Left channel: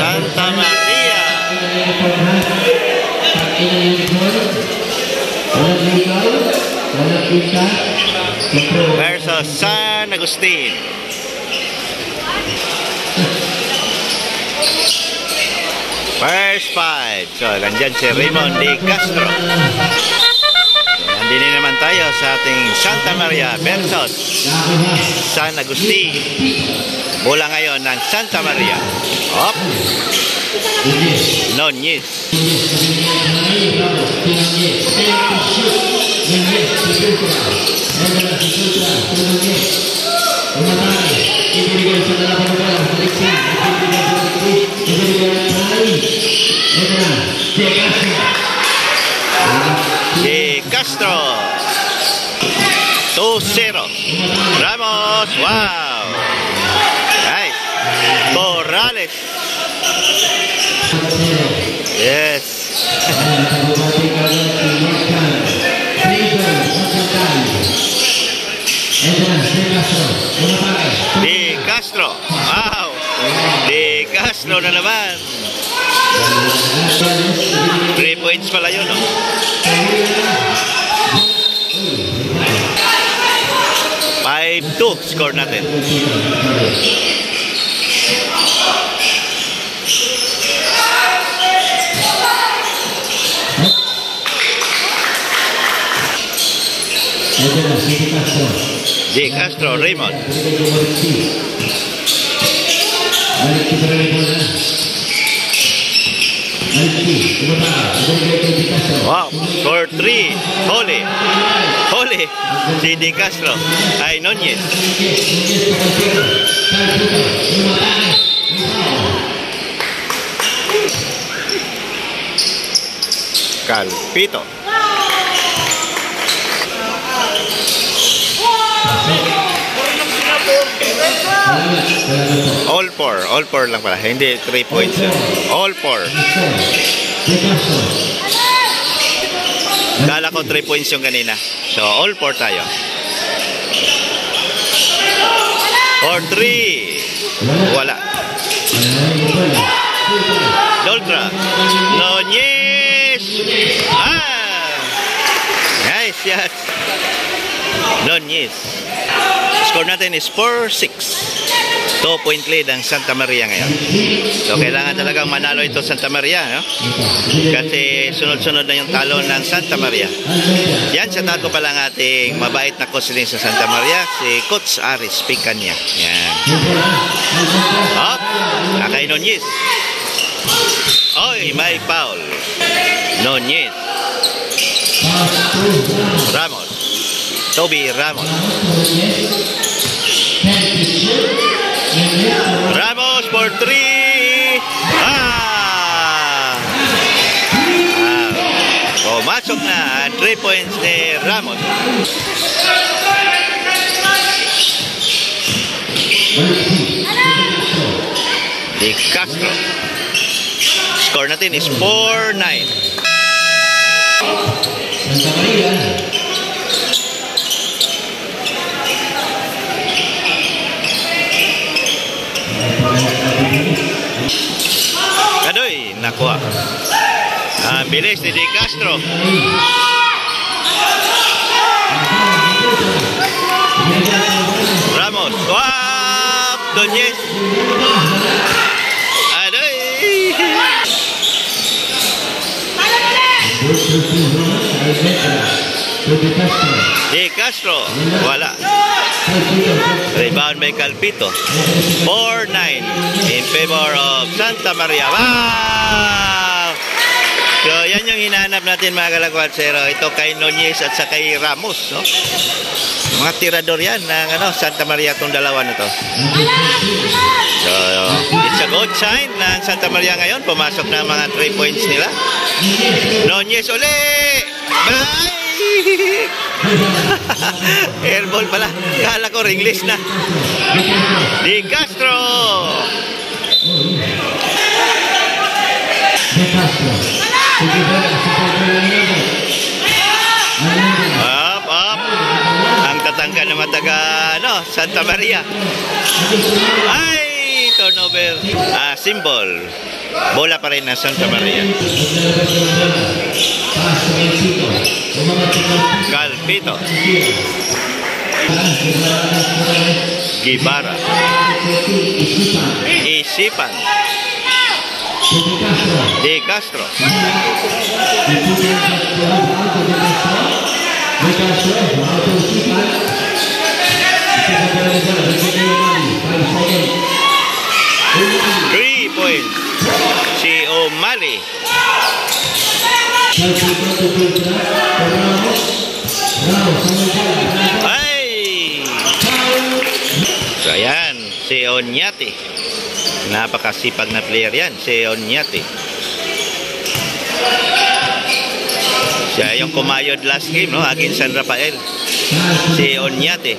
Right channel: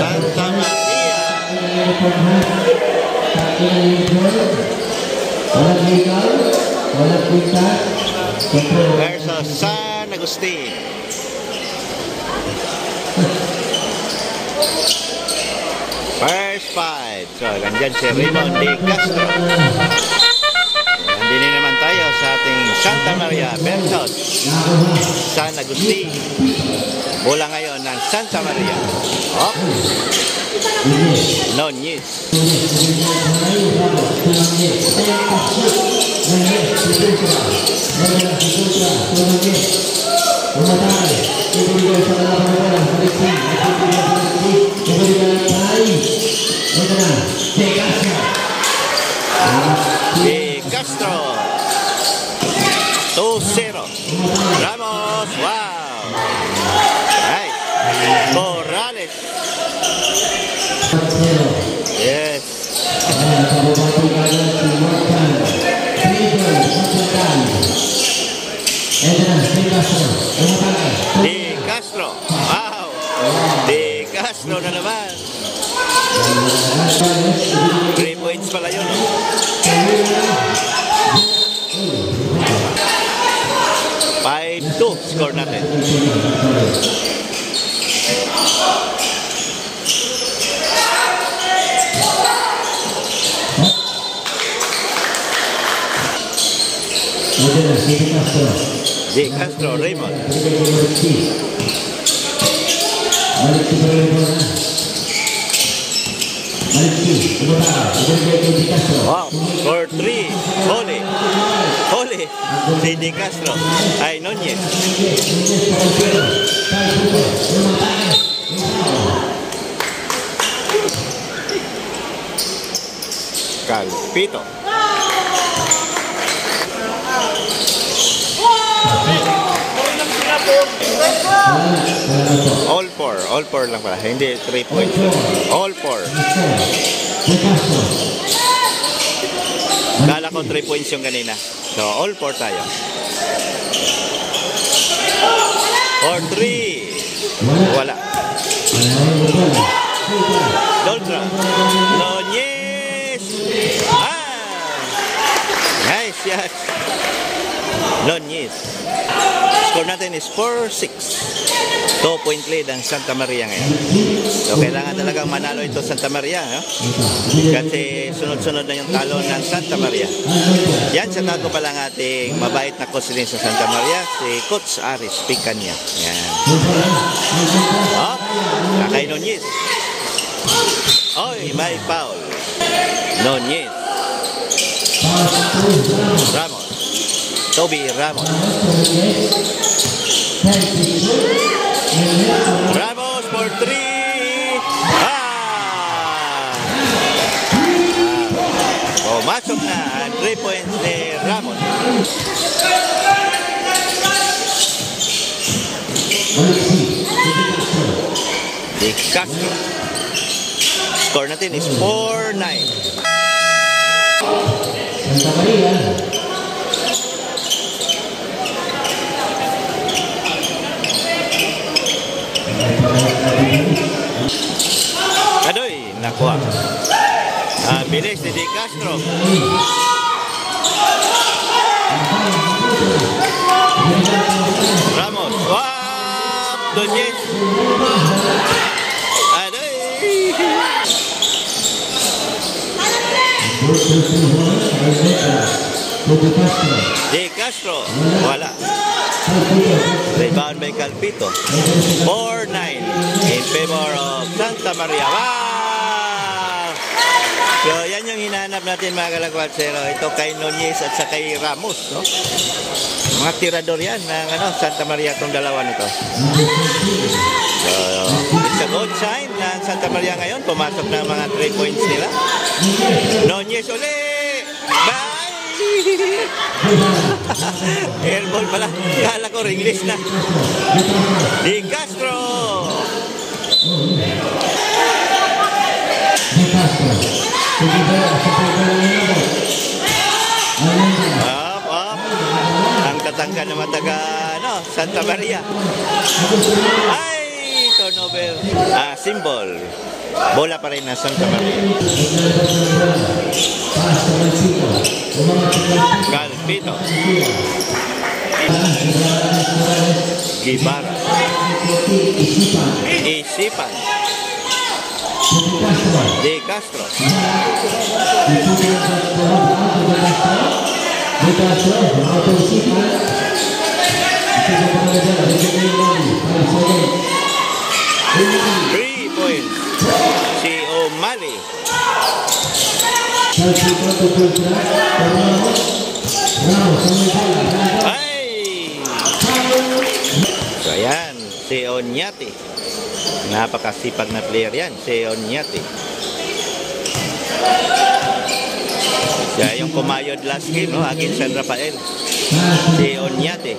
Santa Maria versus San Agustin. First fight. So, nandyan si Raymond De Castro. Nandini naman tayo sa ating Santa Maria versus San Agustin. Bola ngayon ng Santa Maria. Up. Nunez. De Castro 2-0. Ramos. Wow. Nice. Corrales. Yes. De Castro. Wow. De Castro na naman. 3 points pala yun, no? Five-2 score natin. De Castro, Raymond. Wow, score 3. Holy. Holy. Si De Castro. Ay, Nunez. Calpito. All four lang pala. Hindi 3 points. All four. Kala ko 3 points yung kanina. So, all four tayo. Or 3. Wala. Doltra. Nunez. Nice, yes. Nunez. Score natin is 4-6. 2-point lead ang Santa Maria ngayon. So, kailangan talagang manalo ito Santa Maria, no? Kasi sunod-sunod na yung talo ng Santa Maria. Yan, sa tato pa lang ating mabait na coach din sa Santa Maria, si Coach Aris Picanya. Yan. Up. Kay Nunez. Oy, may foul. Nunez. Ramos. Toby Ramos. Ramos for 3. Pumasok na 3 points ni Ramos. De Castro. Score natin is 4-9. Kadoy, nakuha. Bilis ni De Castro. Ramos. Wow! Nunez. Adoy. De Castro. Wala. Rebound by Calpito. 4-9 in favor of Santa Maria. Wow! So, yan yung hinahanap natin mga kalagwatsero. Ito kay Nunez at sa kay Ramos, no? Mga tirador yan ng Santa Maria itong dalawa na to. So, it's a good sign ng Santa Maria ngayon. Pumasok na mga 3 points nila. Nunez ulit! Bye! Airball pala. Kala ko ringless na. De Castro. Up. Ang tatangka na mataga Santa Maria. Ay! turnover symbol. Bola pa rin ng Santa Maria. Calpito. Guevara. Isipan. De Castro. Three points. Si O'Malley. Ay! So ayan, si Onyate. Napakasipag na player yan, si Onyate. Siya yung kumayod last game, no? Against San Rafael. Si Onyate.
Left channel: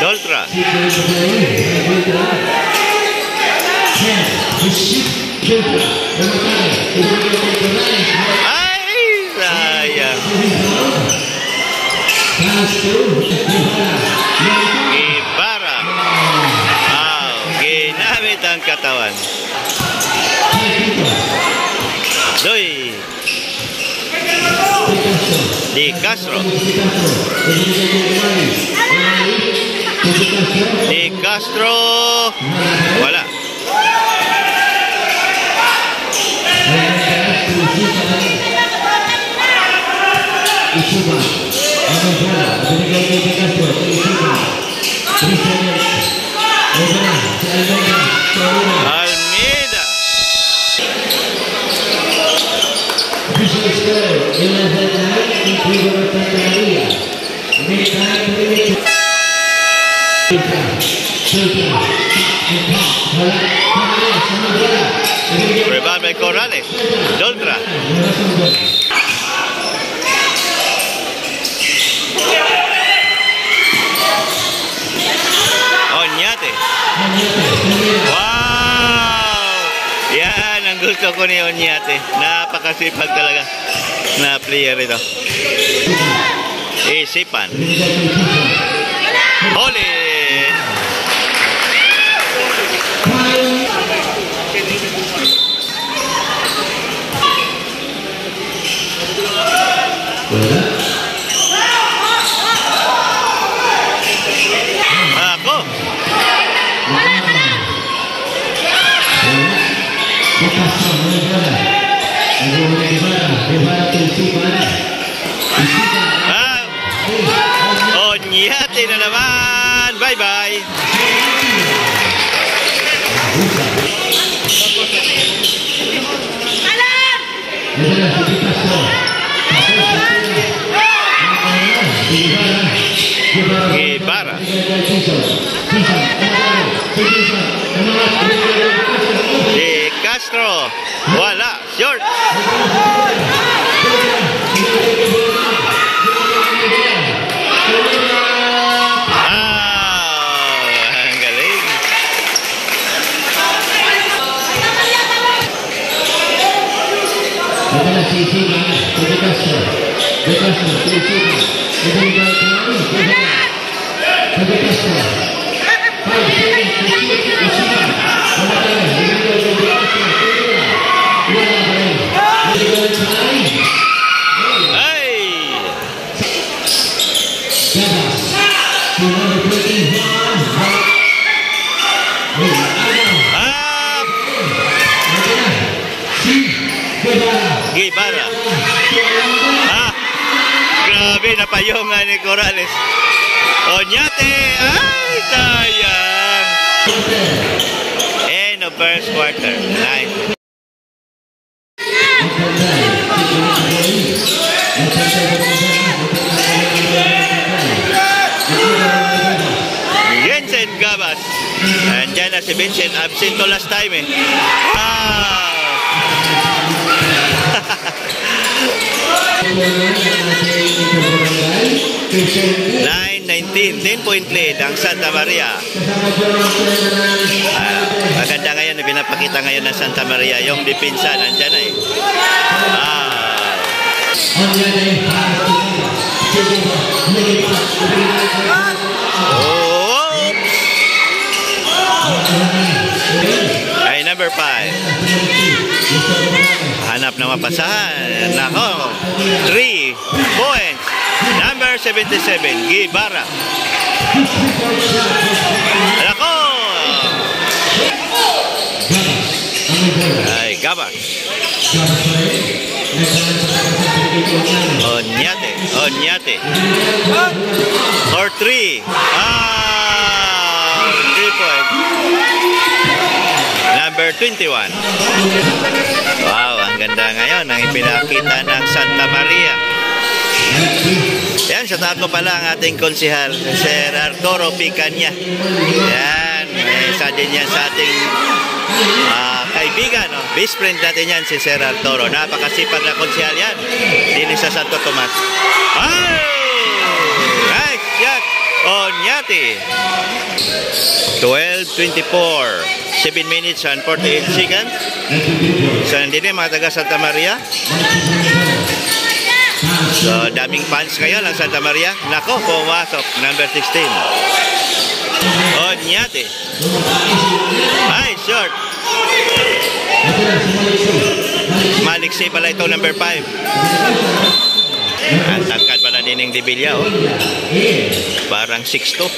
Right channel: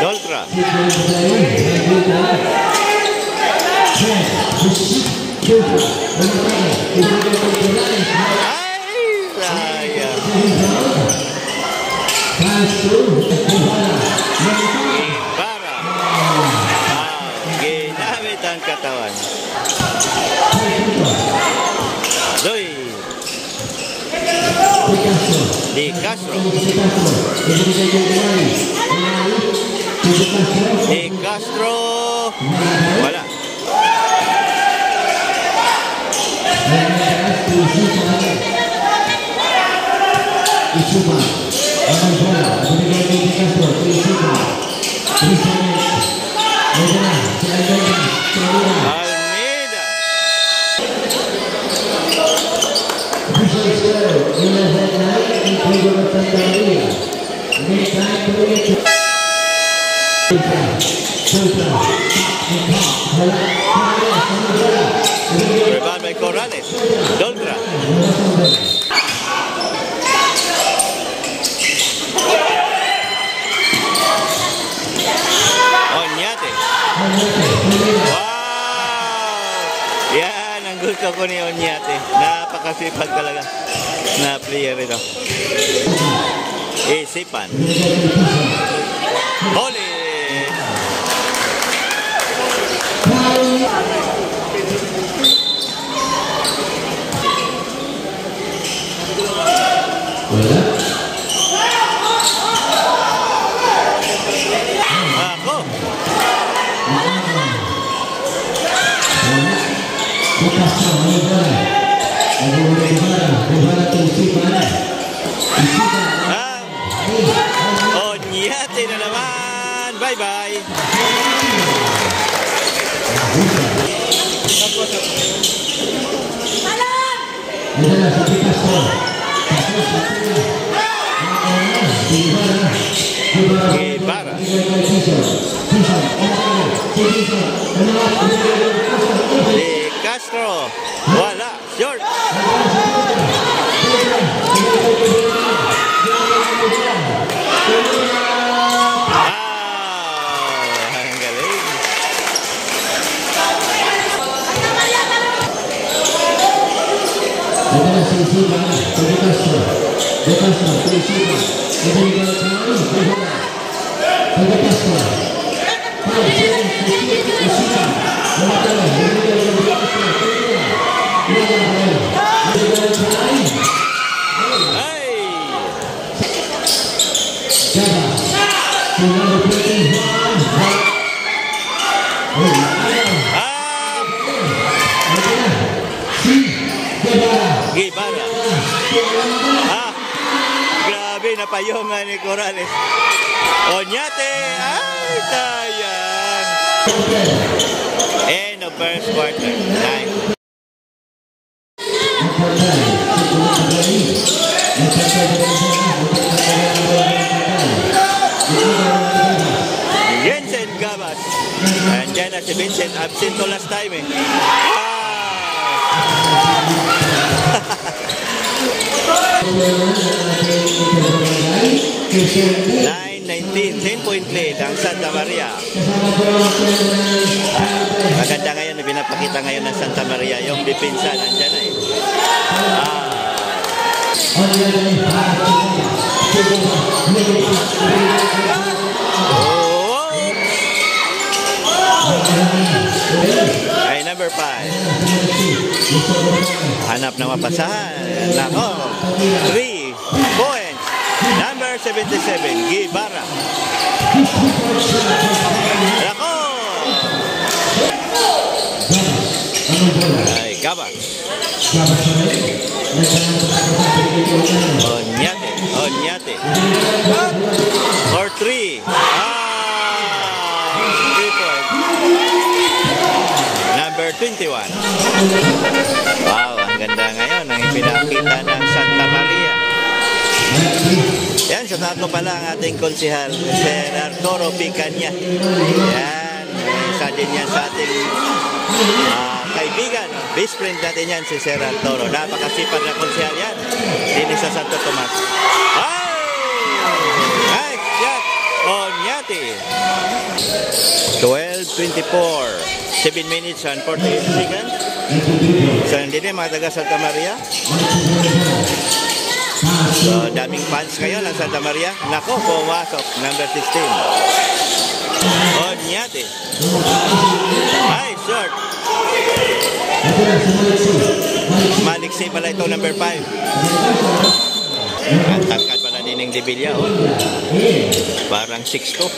Doltra. Ay, sayang. Guevara. Ginamit ang katawan. Doy. De Castro. De Castro. Wala. Almeida. Rebound by Corrales. Doltra. Onyate. Wow! Yan ang gusto ko ni Onyate. Napakasipag talaga na player ito. Isipan. Holy! Ako. Onyate na naman. Bye-bye. Guevara. De Castro. Wala. Short. Ang galing. Guevara. Grabe, napayungan ni Corrales. Onyate. Ay, sayang. End of first quarter. Nice. Jensen Gabas. Andiyan na si Vincent. Absent to last time eh. 9-19, 10-point lead ang Santa Maria. Maganda ngayon ni pinapakita ngayon ng Santa Maria. Yung depensa, nandyan na eh. Ay, number 5. Hanap na mapasahan. Nako. 3 points. Number 77, Guevara. Nako. Ay, Gabas. Onyate. For 3. 3 points. Number 21. Wow, ang ganda ngayon ang ipinakita ng Santa Maria. Yan, sa tato pala ang ating konsihal, Sir Arturo Picanya. Yan, may isa din yan sa ating kaibigan, no? Best friend natin yan, si Sir Arturo. Napakasipag na konsihal yan. Dili sa Santo Tomas. Oh! Nice shot! Onyate. 12:24. 7 minutes and 48 seconds. So, hindi din mga taga Santa Maria. So, daming fans ngayon ang Santa Maria. Nako, pumasok. Number 16. Onyate. Ay, short. Maliksi pala ito, number 5. Ang tangkad pala din ng Dibilla, oh. Parang 6'2".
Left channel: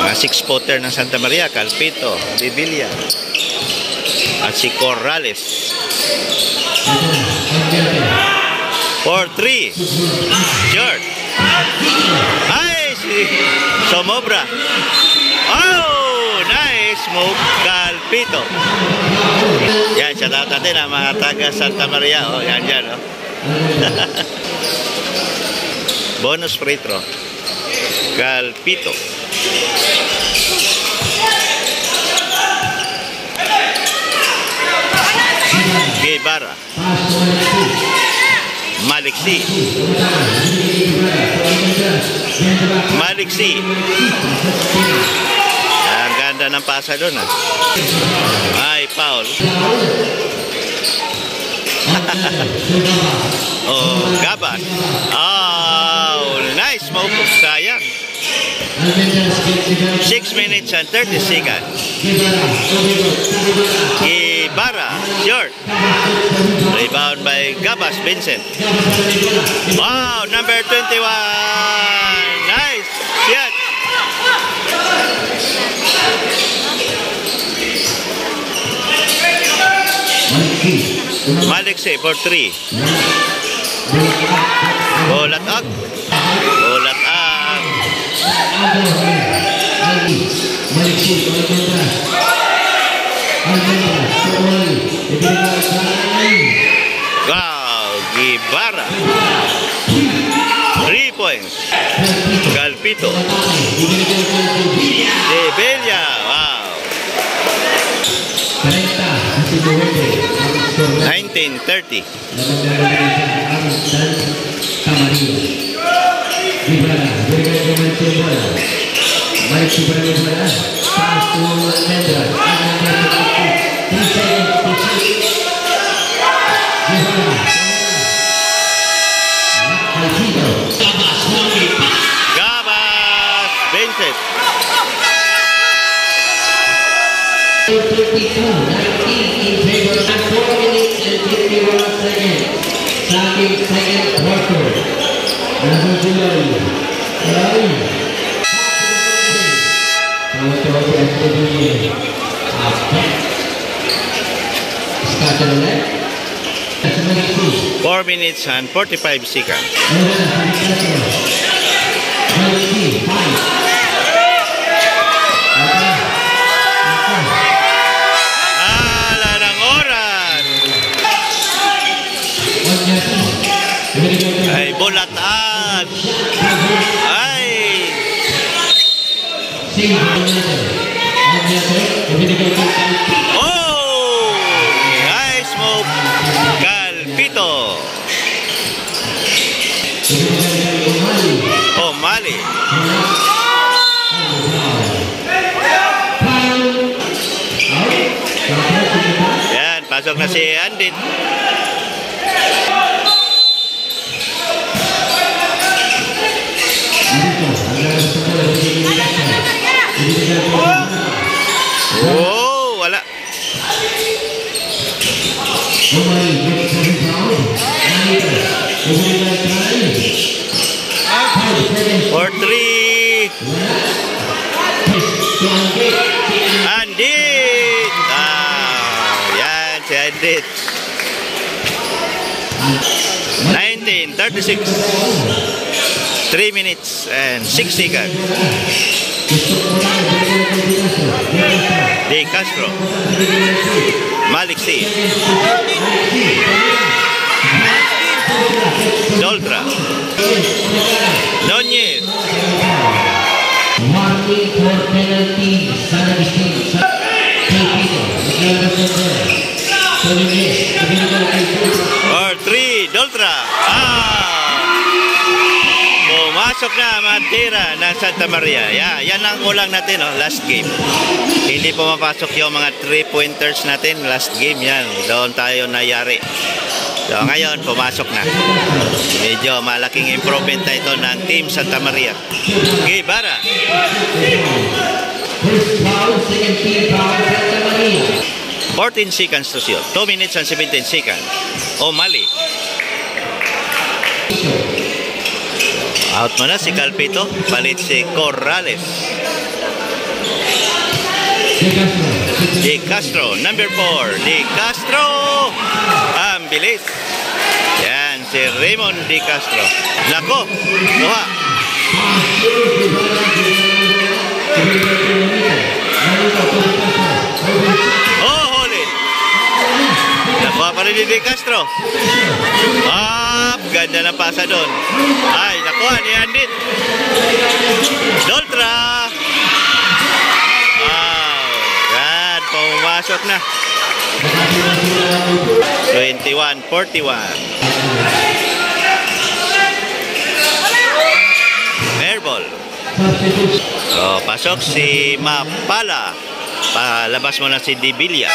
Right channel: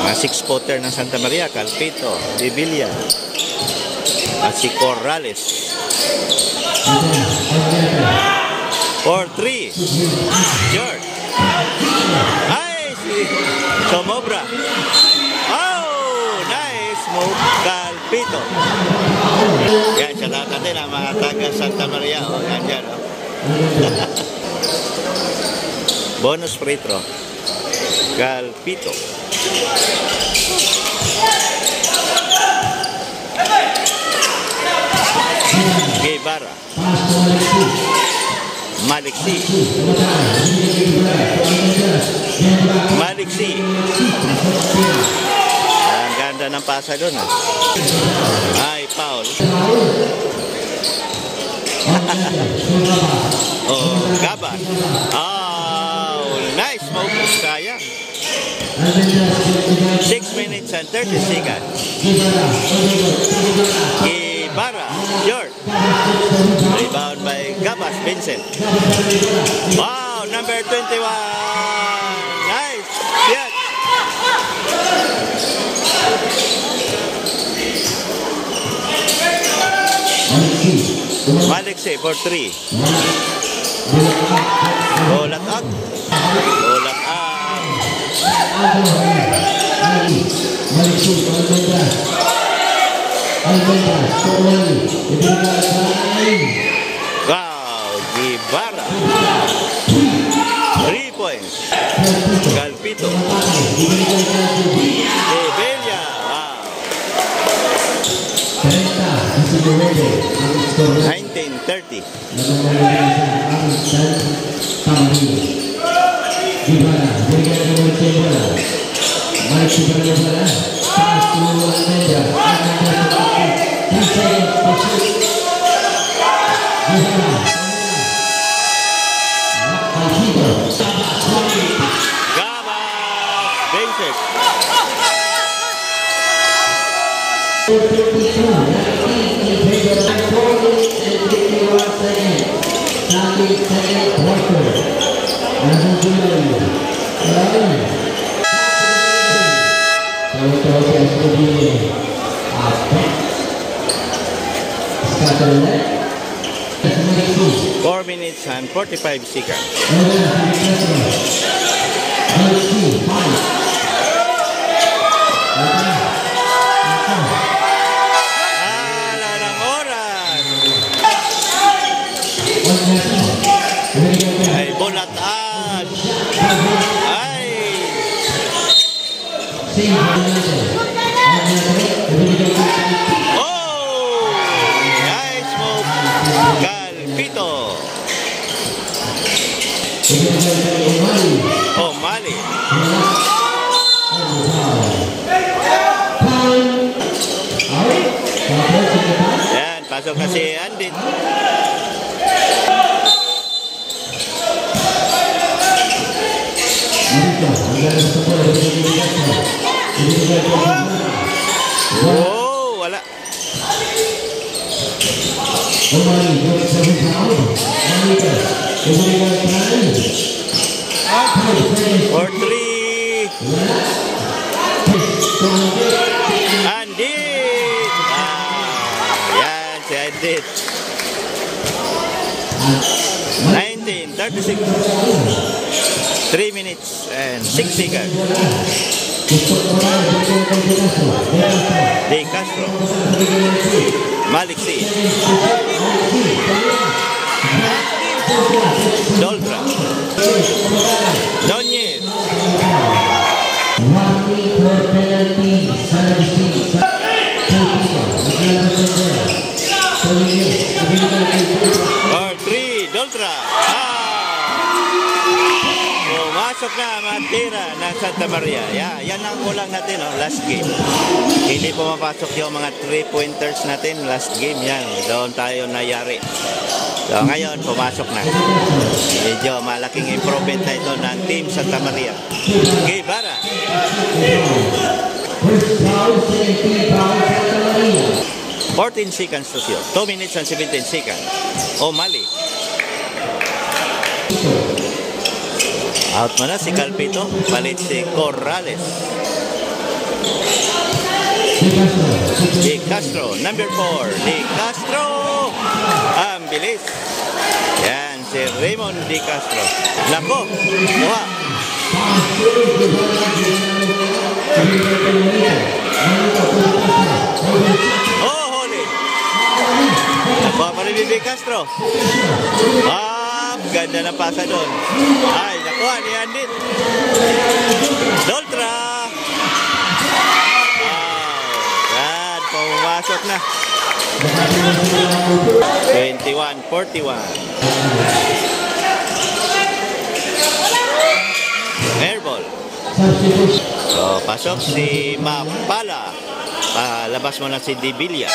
Mga 6-footer ng Santa Maria, Calpito, Dibilla, at si Corrales. 4-3. Short. Ay, si Somobra. Oh, nice move, Calpito. Yan, shout out natin ang mga taga Santa Maria. Oh, yan, oh. Bonus free throw. Calpito. Guevara. Maliksi. Ang ganda ng pasa doon, ah. Ay, foul. Oh, Gabas. Oh, nice move. Sayang. 6 minutes and 30 seconds. Guevara, short. Rebound by Gabas Vincent. Wow, number 21. Nice shot. Maliksi for 3. Bolat up. Wow, Guevara. 3 points. Calpito. Dibilla. Wow. 19-30. Gabas Vincent. Four minutes and 45 seconds. Ala ng oras. Ay, bulataan. Ay. Oh, nice move, Calpito. Oh, Mali. Pasok na si Andit. Oh, wala. For 3. Andit. Yan si Andit. 19:36. 3 minutes and 6 seconds. De Castro. Malik C. Doltra. Nunez. Or 3, Doltra. Pumasok na Matira ng Santa Maria. Yan ang kulang natin, last game. Hindi pumapasok yung mga 3-pointers natin last game. Yan, doon tayo nayari. So ngayon, pumasok na. Medyo malaking improvement na ito ng Team Santa Maria. Guevara. 14 seconds to shoot. 2 minutes and 17 seconds. O'Malley. Out mo na si Calpito. Palit si Corrales. De Castro, number 4. De Castro. Ang bilis. Yan, si Raymond De Castro. Nako, kuha. Oh, huli. Nakuha pa rin ni De Castro. Ganda na pasa doon. Ay, nakuha ni Andit. Doltra. Yan, pumasok na. 21-41. Airball. So, pasok si Mapala. Palabas mo na si Dibilia.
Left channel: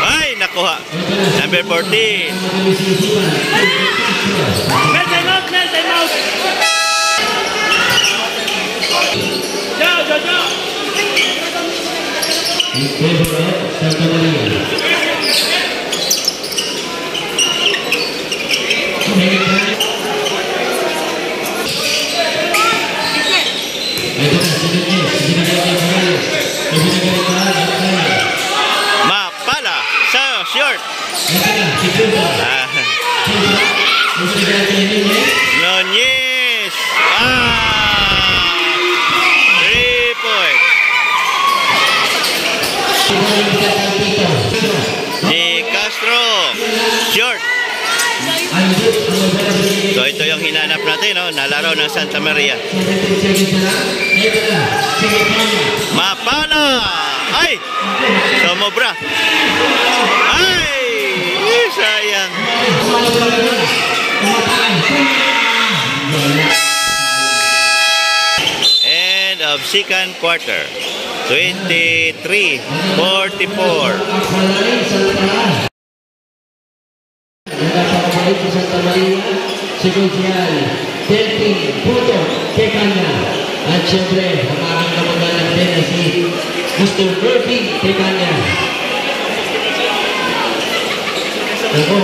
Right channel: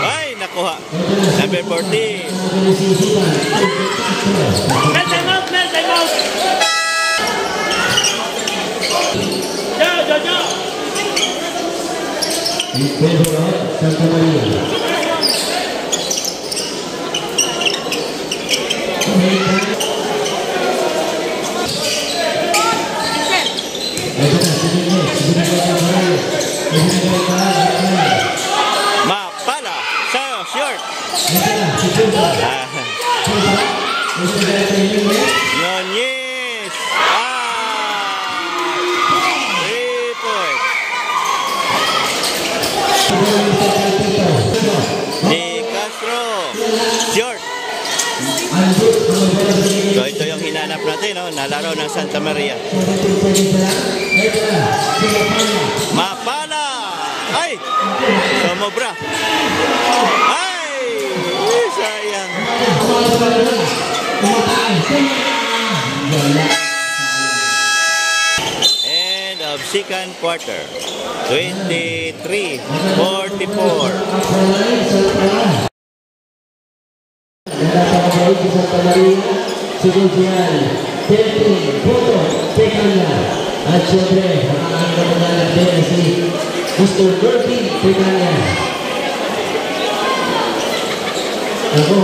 Ay, nakuha. Number 14. Santa Maria. Mapala sa short. Nunez. 3 points. De Castro. Short. So ito yung hinanap natin, na laro ng Santa Maria. Mapala. Ay! Sumobra. Ay! Sayang. End of second quarter. 23-44. Santa Maria, Seguziali, 13 puntos ke kanya. At syempre, ang aking kapagalan din si Mr. Dirty ke kanya. Ako,